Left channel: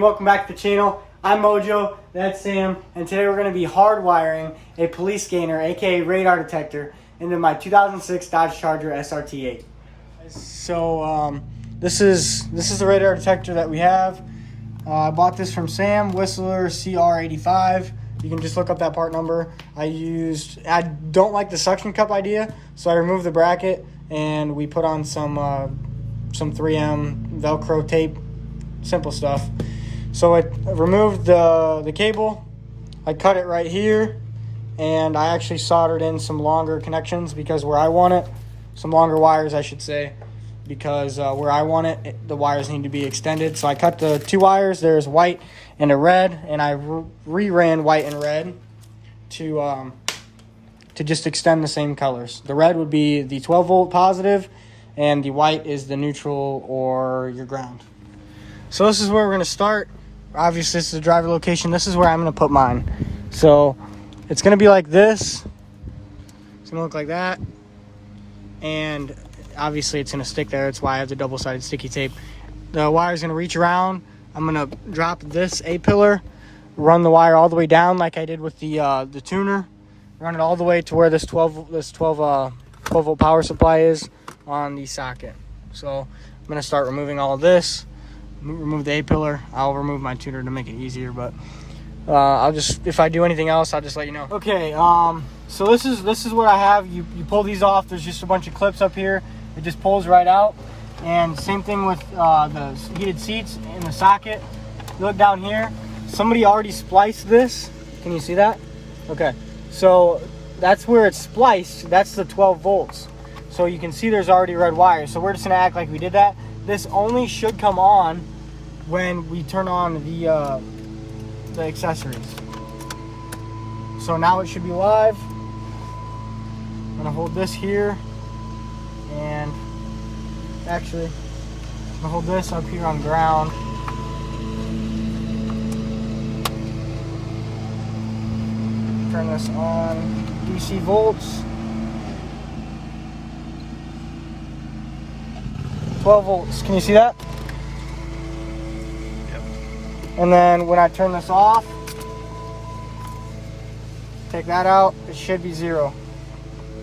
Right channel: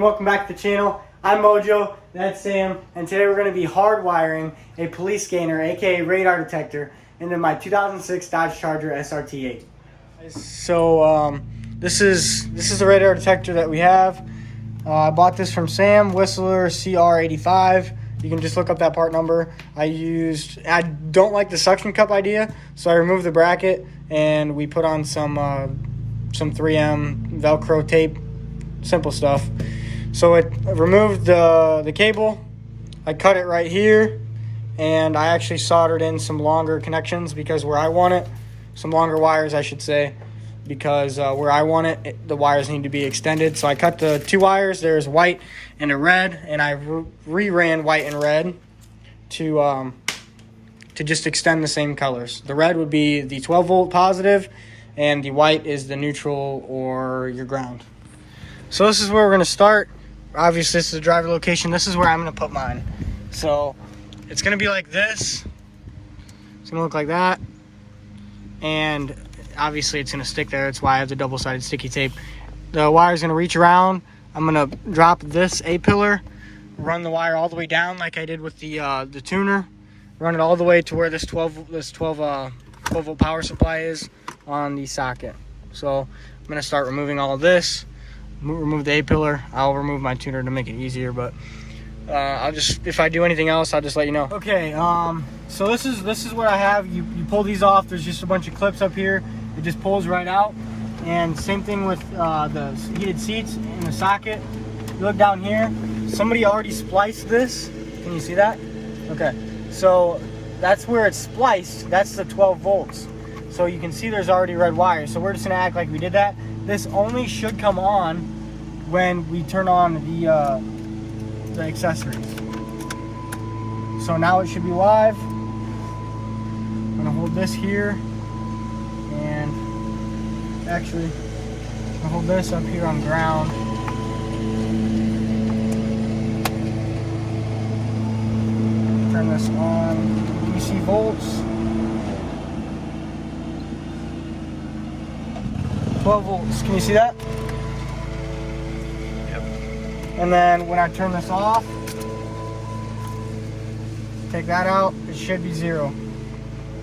Welcome back to the channel. I'm Mojo, that's Sam, and today we're going to be hardwiring a police scanner, aka radar detector, into my 2006 Dodge Charger SRT8. So this is the radar detector that we have. I bought this from Sam, Whistler CR85. You can just look up that part number. I don't like the suction cup idea, so I removed the bracket and we put on some 3M Velcro tape, simple stuff. So I removed the cable, I cut it right here, and I actually soldered in some longer connections because where I want it, some longer wires I should say, because where I want it, the wires need to be extended. So I cut the two wires, there's white and a red, and I re-ran white and red to just extend the same colors. The red would be the 12 volt positive, and the white is the neutral or your ground. So this is where we're gonna start. Obviously, this is the driver location. This is where I'm gonna put mine. So it's gonna be like this. It's gonna look like that. And obviously it's gonna stick there. That's why I have the double-sided sticky tape. The wire's gonna reach around. I'm gonna drop this A-pillar, run the wire all the way down like I did with the tuner. Run it all the way to where this 12 volt power supply is on the socket. So I'm gonna start removing all of this. Remove the A-pillar. I'll remove my tuner to make it easier, but if I do anything else, I'll just let you know. Okay, so this is what I have. You pull these off. There's just a bunch of clips up here. It just pulls right out. And same thing with the heated seats in the socket. You look down here. Somebody already spliced this. Can you see that? Okay, so that's where it's spliced. That's the 12 volts. So you can see there's already red wire. So we're just gonna act like we did that. This only should come on when we turn on the accessories. So now it should be live. I'm gonna hold this here, and actually I'm gonna hold this up here on ground. Turn this on DC volts. 12 volts. Can you see that? Yep. And then when I turn this off, take that out, it should be 0.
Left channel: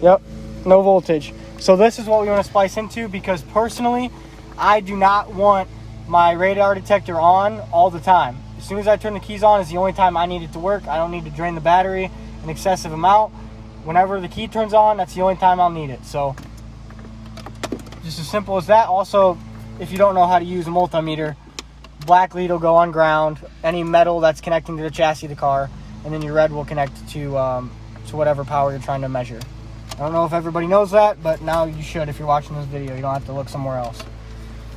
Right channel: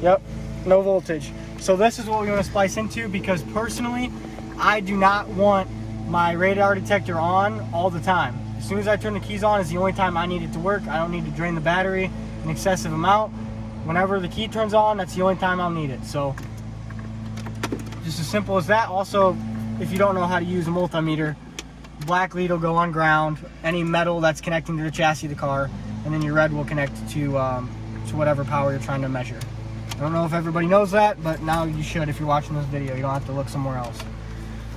Yep, no voltage. So this is what we want to splice into, because personally, I do not want my radar detector on all the time. As soon as I turn the keys on is the only time I need it to work. I don't need to drain the battery an excessive amount. Whenever the key turns on, that's the only time I'll need it. So just as simple as that. Also, if you don't know how to use a multimeter, black lead will go on ground, any metal that's connecting to the chassis of the car, and then your red will connect to whatever power you're trying to measure. I don't know if everybody knows that, but now you should if you're watching this video. You don't have to look somewhere else.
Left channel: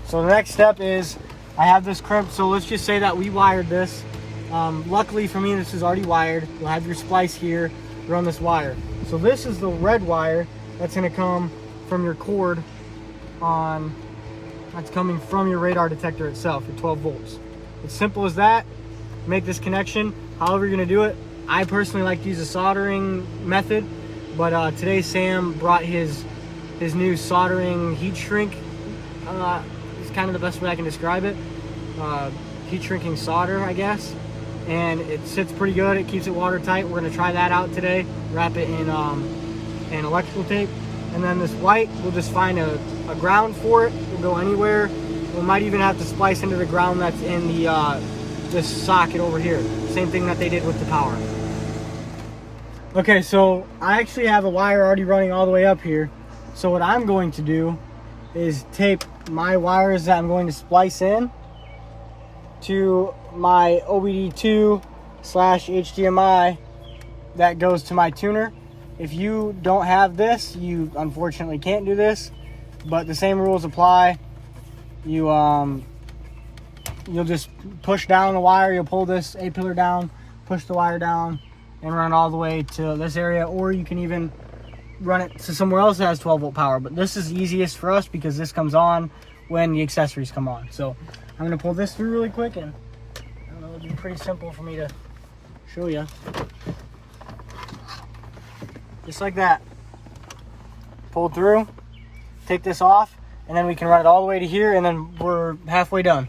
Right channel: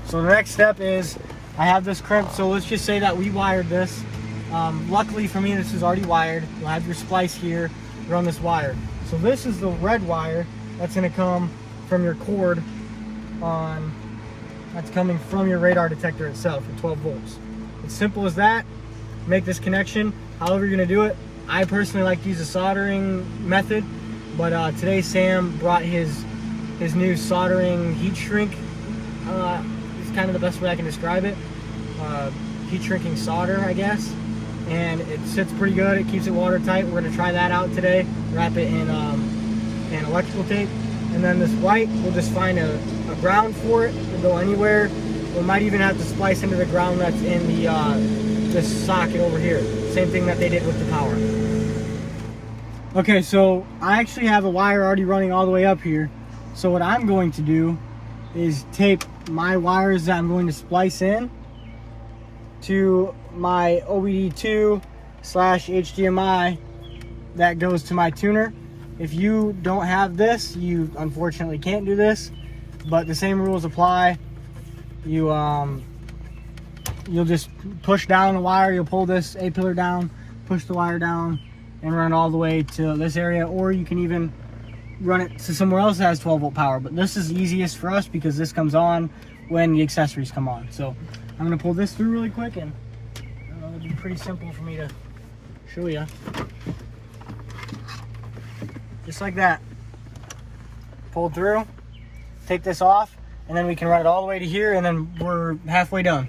So the next step is, I have this crimped, so let's just say that we wired this. Luckily for me, this is already wired. You'll have your splice here, run this wire. So this is the red wire that's gonna come from your cord that's coming from your radar detector itself at 12 volts. It's simple as that. Make this connection however you're gonna do it. I personally like to use a soldering method, but today Sam brought his new soldering heat shrink. It's kind of the best way I can describe it. Heat shrinking solder, I guess. And it sits pretty good. It keeps it watertight. We're gonna try that out today. Wrap it in electrical tape. And then this white, we'll just find a ground for it. We'll go anywhere. We might even have to splice into the ground that's in this socket over here. Same thing that they did with the power. Okay, so I actually have a wire already running all the way up here. So what I'm going to do is tape my wires that I'm going to splice in to my OBD2/HDMI that goes to my tuner. If you don't have this, you unfortunately can't do this, but the same rules apply. You'll just push down the wire, you'll pull this A-pillar down, push the wire down, and run all the way to this area, or you can even run it to somewhere else that has 12 volt power. But this is the easiest for us because this comes on when the accessories come on. So I'm gonna pull this through really quick, and I don't know, it'll be pretty simple for me to show you. Just like that. Pull through, take this off, and then we can run it all the way to here, and then we're halfway done.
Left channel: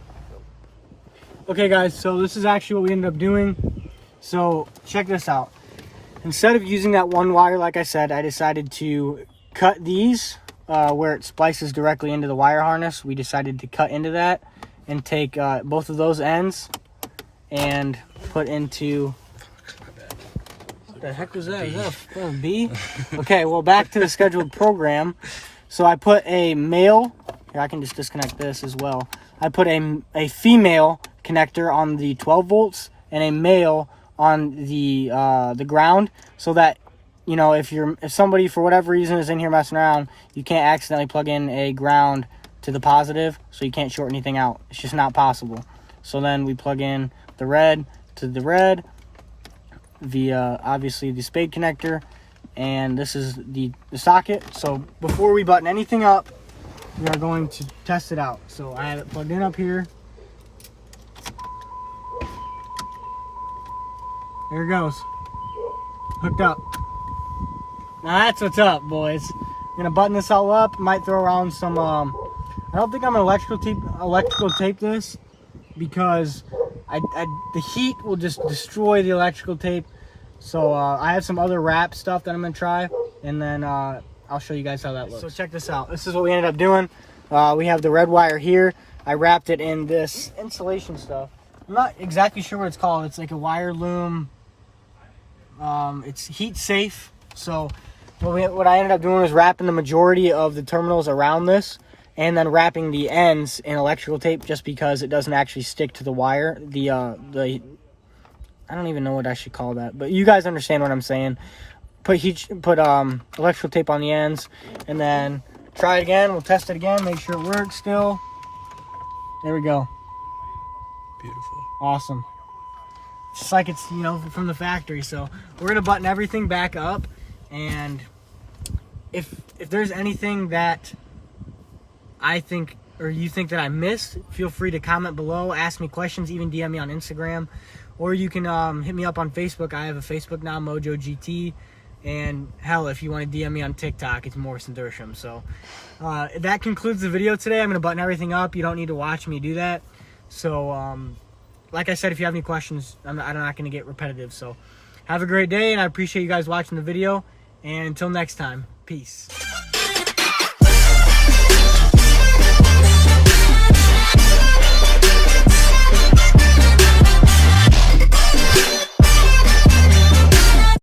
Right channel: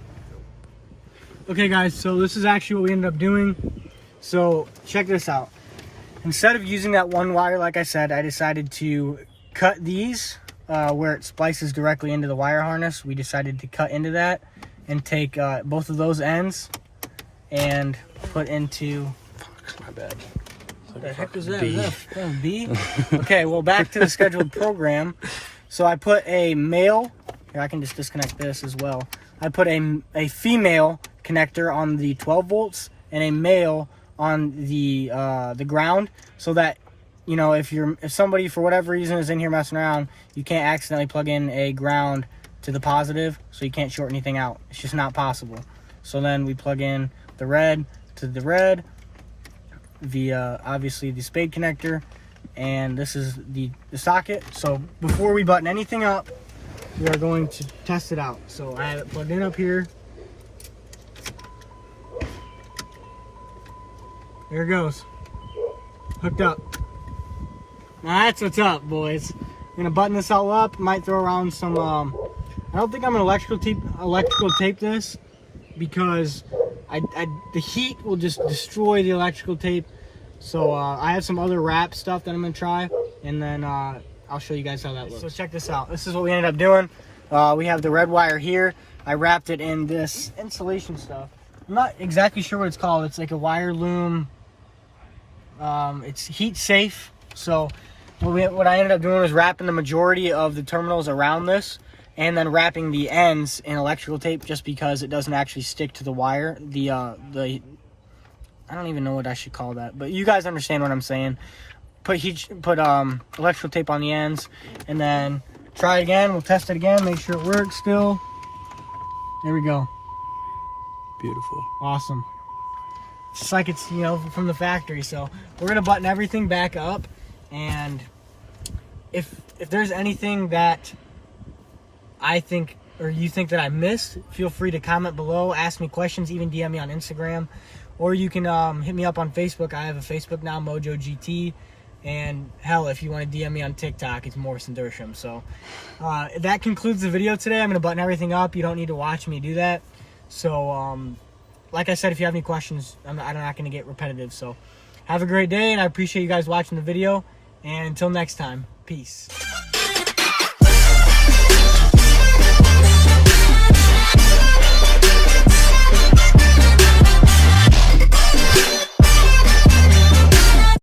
Okay guys, so this is actually what we ended up doing. So check this out. Instead of using that one wire, like I said, I decided to cut these where it splices directly into the wire harness. We decided to cut into that and take both of those ends and put into... My bad. What the heck is that? Yeah, B? Okay, well, back to the scheduled program. So I put a male, here I can just disconnect this as well. I put a female connector on the 12 volts and a male on the ground, so that, you know, if somebody for whatever reason is in here messing around, you can't accidentally plug in a ground to the positive, so you can't short anything out. It's just not possible. So then we plug in the red to the red via obviously the spade connector, and this is the socket. So before we button anything up, we are going to test it out. So I have it plugged in up here. There it goes. Hooked up. Now that's what's up, boys. I'm gonna button this all up. Might throw around some I don't think I'm gonna electrical tape this, because the heat will just destroy the electrical tape. So I have some other wrap stuff that I'm gonna try, and then I'll show you guys how that looks. So check this out. This is what we ended up doing. We have the red wire here. I wrapped it in this insulation stuff. I'm not exactly sure what it's called. It's like a wire loom. It's heat safe. So what I ended up doing is wrapping the majority of the terminals around this, and then wrapping the ends in electrical tape, just because it doesn't actually stick to the wire. I don't even know what I should call that, but you guys understand what I'm saying. Put electrical tape on the ends, and then try it again. We'll test it again, make sure it works still. There we go. Beautiful. Awesome. Just like it's, you know, from the factory. So we're gonna button everything back up, and if there's anything that I think or you think that I missed, feel free to comment below, ask me questions, even DM me on Instagram, or you can hit me up on Facebook. I have a Facebook now, Mojo GT, and hell, if you want to DM me on TikTok, it's Morrison Dersham. So that concludes the video today. I'm gonna button everything up. You don't need to watch me do that. So like I said, if you have any questions, I'm not going to get repetitive. So have a great day, and I appreciate you guys watching the video. And until next time, peace.